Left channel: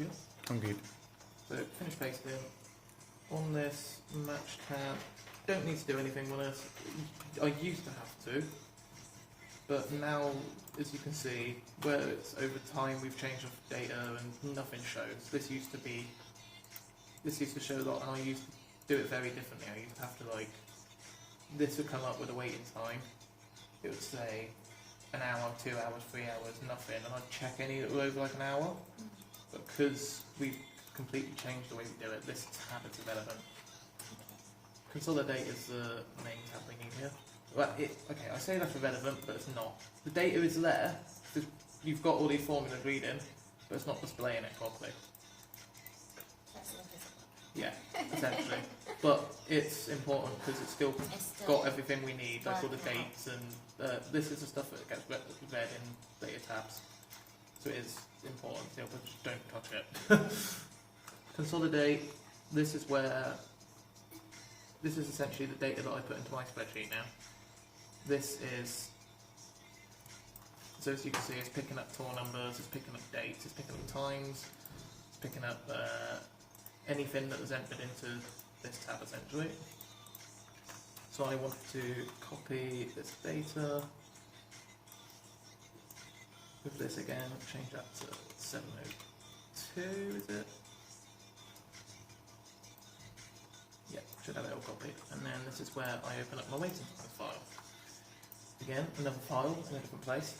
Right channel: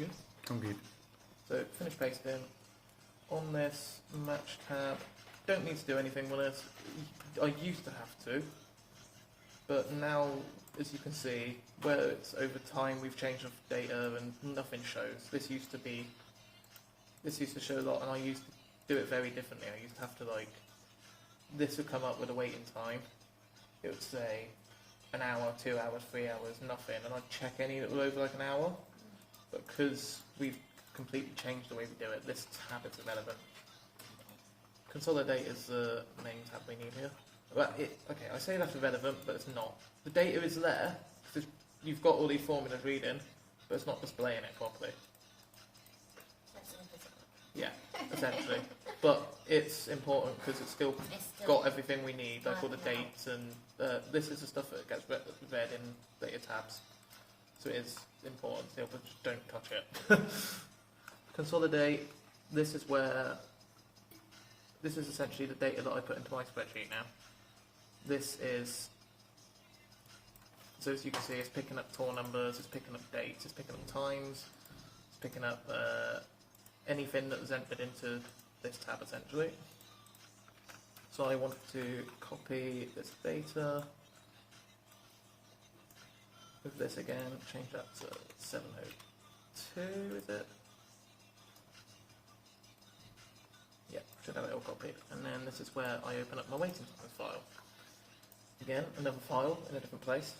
Yeah. I'm good. So finish pasting. On this match tab, don't need to do anything with this. I used to have to, but now, as you can see, where it's over time we've changed the data and nothing shows. This used to show a lot, and I used to do it very differently. I used to have to this would come up with a waiting time. It would say an hour, 2 hours, 3 hours, nothing, and I'd check any that were over an hour. But because we've completely changed the way we do it, this tab is irrelevant. Consolidate is the main tab we need here. Well, okay, I say that's irrelevant, but it's not. The data is there, because you've got all these formulas reading, but it's not displaying it properly. That's invisible. Yeah, essentially. But it's important because it's still got everything we need, like all the dates, and this is the stuff that gets read in data tabs. So it is important still, but just don't touch it. Consolidate, this is essentially the data that I put into my spreadsheet now. This is, so as you can see, it's picking up tour numbers, it's picking up dates, it's picking up times, it's picking up anything that was entered into this tab essentially. So I want to copy this data with this again, change that to 702, is it? Yeah, should have it all copied. And then this is where I open up my waiting time file. Again, another file in a different place.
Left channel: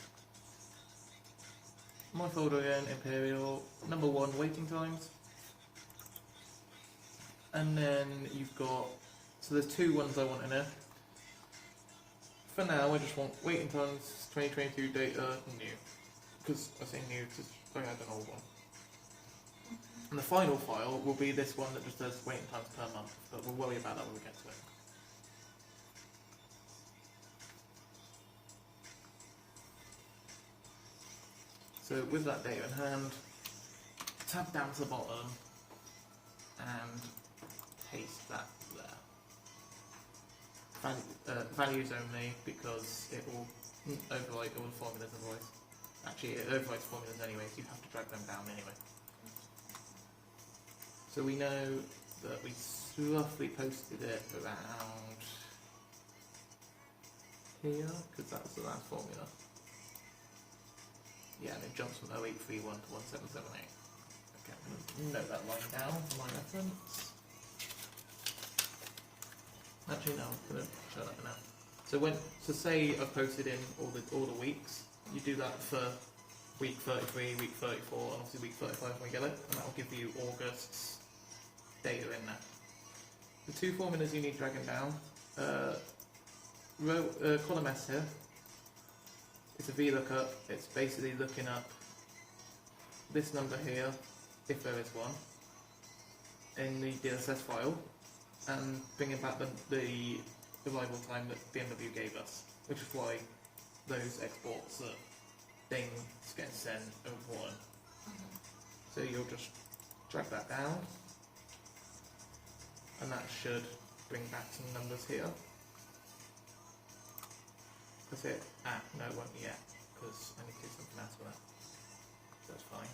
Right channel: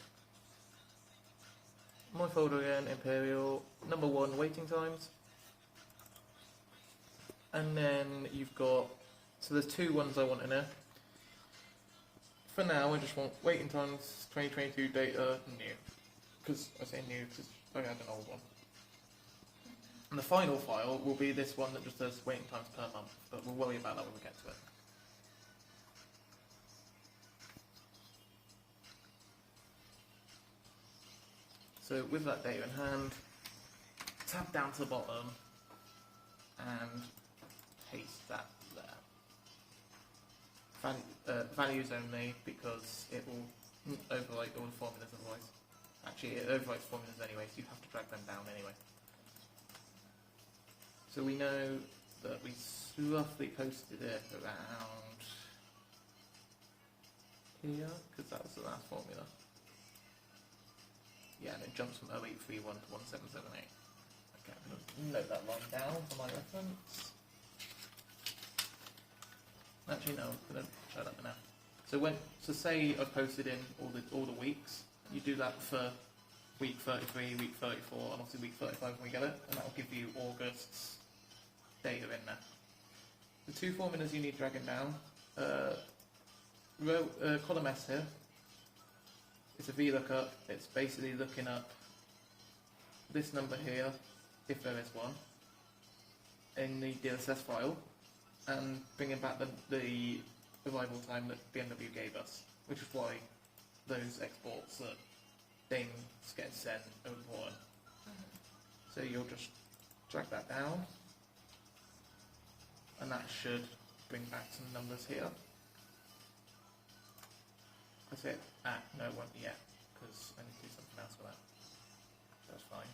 My folder again, Imperial, number 1 waiting times. And then you've got, so there's 2 ones I want in there. For now, I just want waiting times, 2022 data, new. Because I say new because I had an old one. And the final file will be this one that just says waiting times per month, but we'll worry about that when we get to it. So with that data in hand, tab down to the bottom and paste that there. Values only, because it will overwrite all the formulas otherwise. Actually, it overwrites formulas anyway, so you have to drag them down anyway. So we know that we roughly posted it around here, because that was the last formula. Yeah, and it jumps from 0831 to 1778. Okay, I'm going to note that line down for my reference. Actually, no, I'm going to show that now. So say I've posted in all the weeks. You do that for week 33, week 34, and obviously week 35 when we get it, and that will give you August's data in there. The 2 formulas you need dragging down, column S here, it's a VLOOKUP, it's basically looking up this number here, if there is one, in the DSS file, and bringing back the arrival time that BMW gave us, which is why those exports that things get sent are important. So you'll just drag that down, and that should bring back some numbers here. That's it. No, it won't yet, because I need to do something else with that. So that's fine.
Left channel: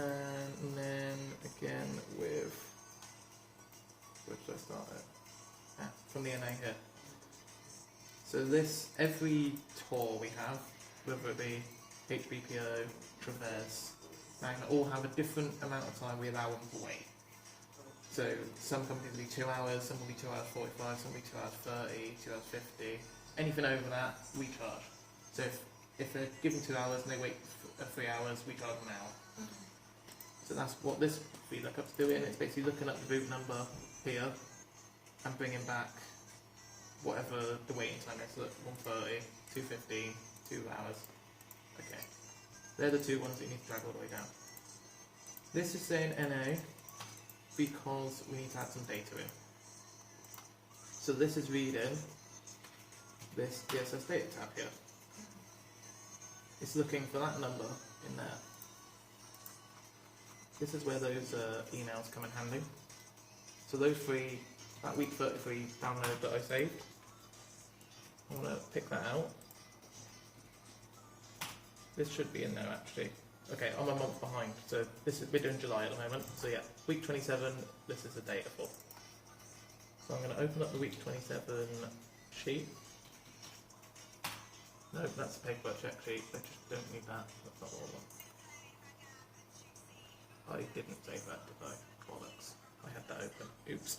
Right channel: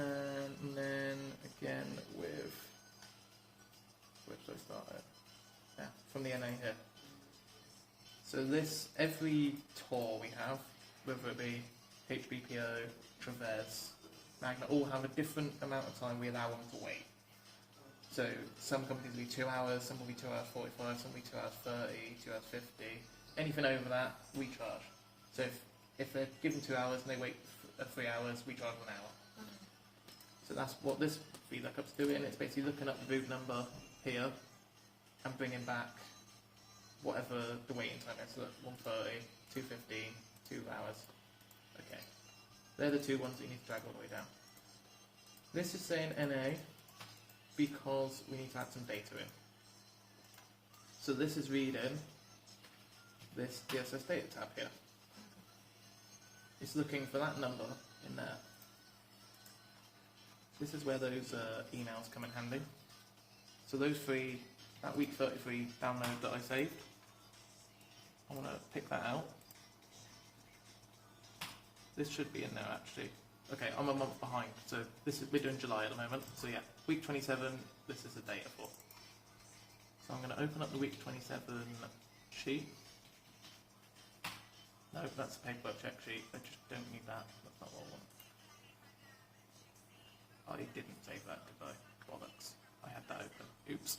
And then again with, where should I start with? Yeah, from the NA here. So this, every tour we have, whether it be HBPO, Traverse, Magna, all have a different amount of time we allow them to wait. So some companies will be 2 hours, some will be 2 hours 45, some will be 2 hours 30, 2 hours 50. Anything over that, we charge. So if they're given 2 hours and they wait for 3 hours, we charge an hour. So that's what this VLOOKUP's doing. It's basically looking up the root number here and bringing back whatever the waiting time is. So 130, 215, 2 hours. Okay. They're the 2 ones that you need to drag all the way down. This is saying NA because we need to add some data in. So this is reading this DSS data tab here. It's looking for that number in there. This is where those emails come in handy. So those 3, that week 33 download that I saved, I'm going to pick that out. This should be in there actually. Okay, I'm a month behind. So this is, we're doing July at the moment. So yeah, week 27, this is the data for. So I'm going to open up the week 27 sheet. No, that's the paperwork check sheet. I just don't need that. That's not what I want. I didn't save that, did I? Bollocks. I had that open. Oops.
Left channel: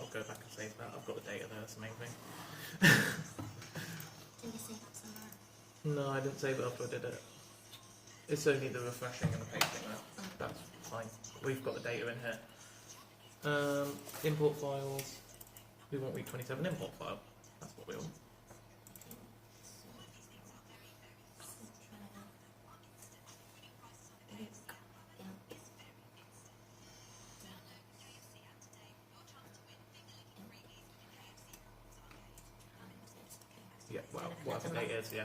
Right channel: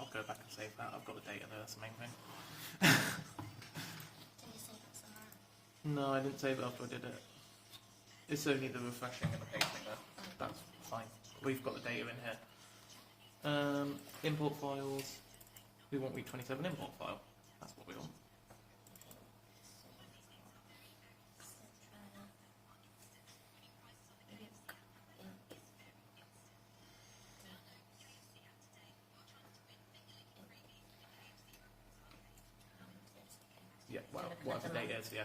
I'll go back and save that. I've got the data there, that's the main thing. Did you save that somewhere? No, I didn't save it after I did it. It's only the refreshing and the pasting there. That's fine. We've got the data in here. Import files. We want week 27 import file. That's what we want. Yeah, well, whatever date is, yeah.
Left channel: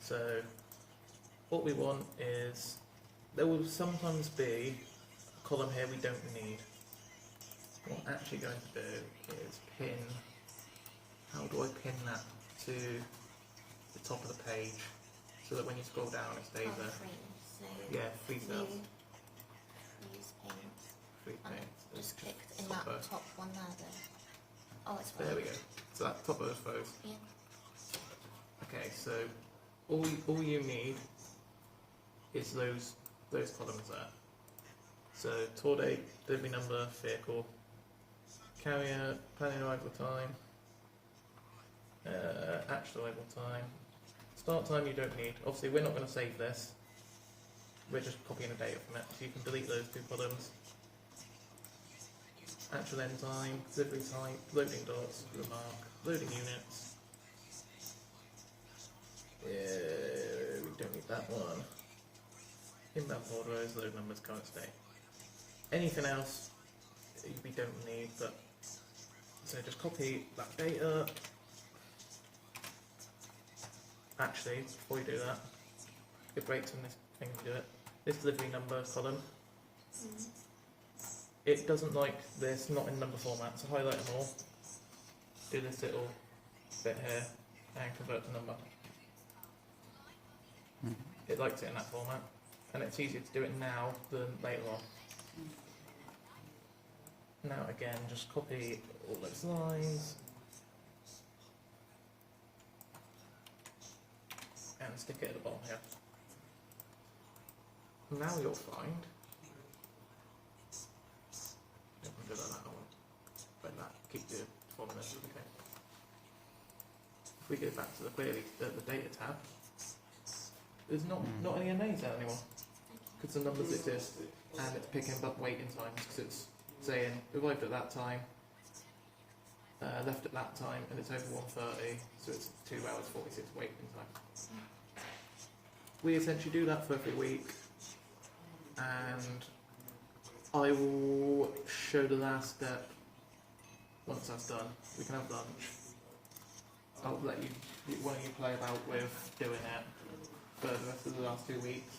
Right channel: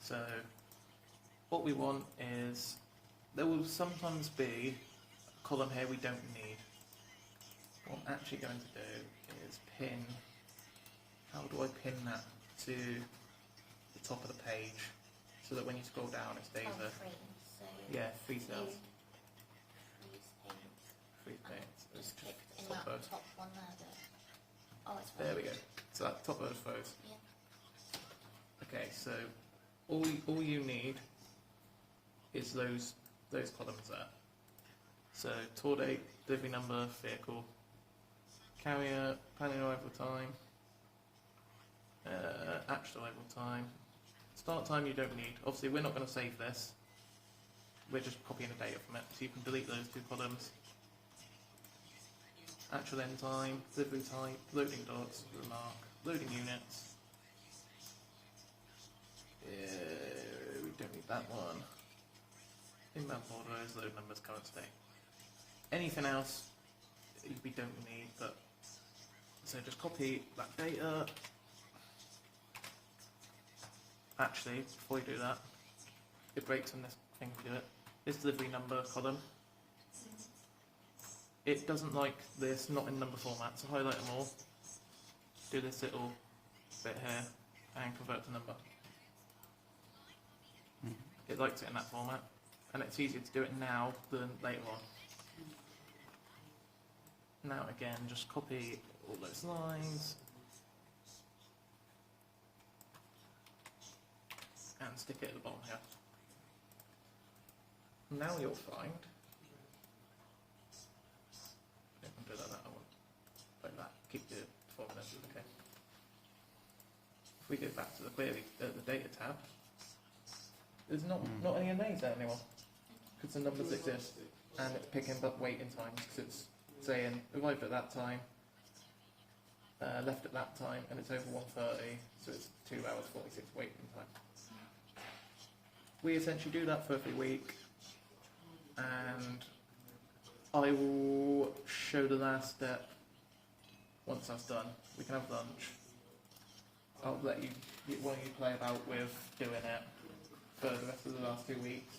So, what we want is, there will sometimes be a column here we don't need. What I'm actually going to do is pin, how do I pin that to the top of the page, so that when you scroll down it stays there. Yeah, free cells. Use paint. Free paint. Just click in that top one there. Oh, it's There we go. So that's top of those photos. Yeah. Okay, so all you need is those columns there. So tour date, delivery number, vehicle, carrier, planning arrival time, actual arrival time, start time you don't need. Obviously we're not going to save this. We're just copying the data from it, so you can delete those two columns. Actual end time, delivery type, loading dots, remark, loading units. We don't need that one. Inbound orders, load numbers, current state. Anything else we don't need, but so just copy that data. Actually, before we do that, it breaks in this thing to do it. This delivery number column, it doesn't like this, not in number format, so highlight them all. Do this little bit here and convert to number. It likes it in that format, and it's easier to do it now than later on. Now again, just copy all those lines and stick it at the bottom here. Now you'll find, I can do that like that, keep the formulas okay. If we go back to the query, the data tab, there's not any NAs there anymore, because the numbers exist, and it's picking up waiting times, because it's saying arrived at that time, left at that time, and it's over 1:30, so it's 2 hours 46 waiting time. We essentially do that for every week, and I will show the last step once that's done. We can have lunch. I'll let you, one of you play about with doing it for the rest of the last 2 weeks.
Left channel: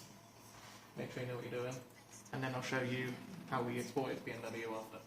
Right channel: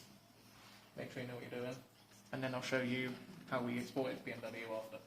Make sure you know what you're doing, and then I'll show you how we export it to BMW after.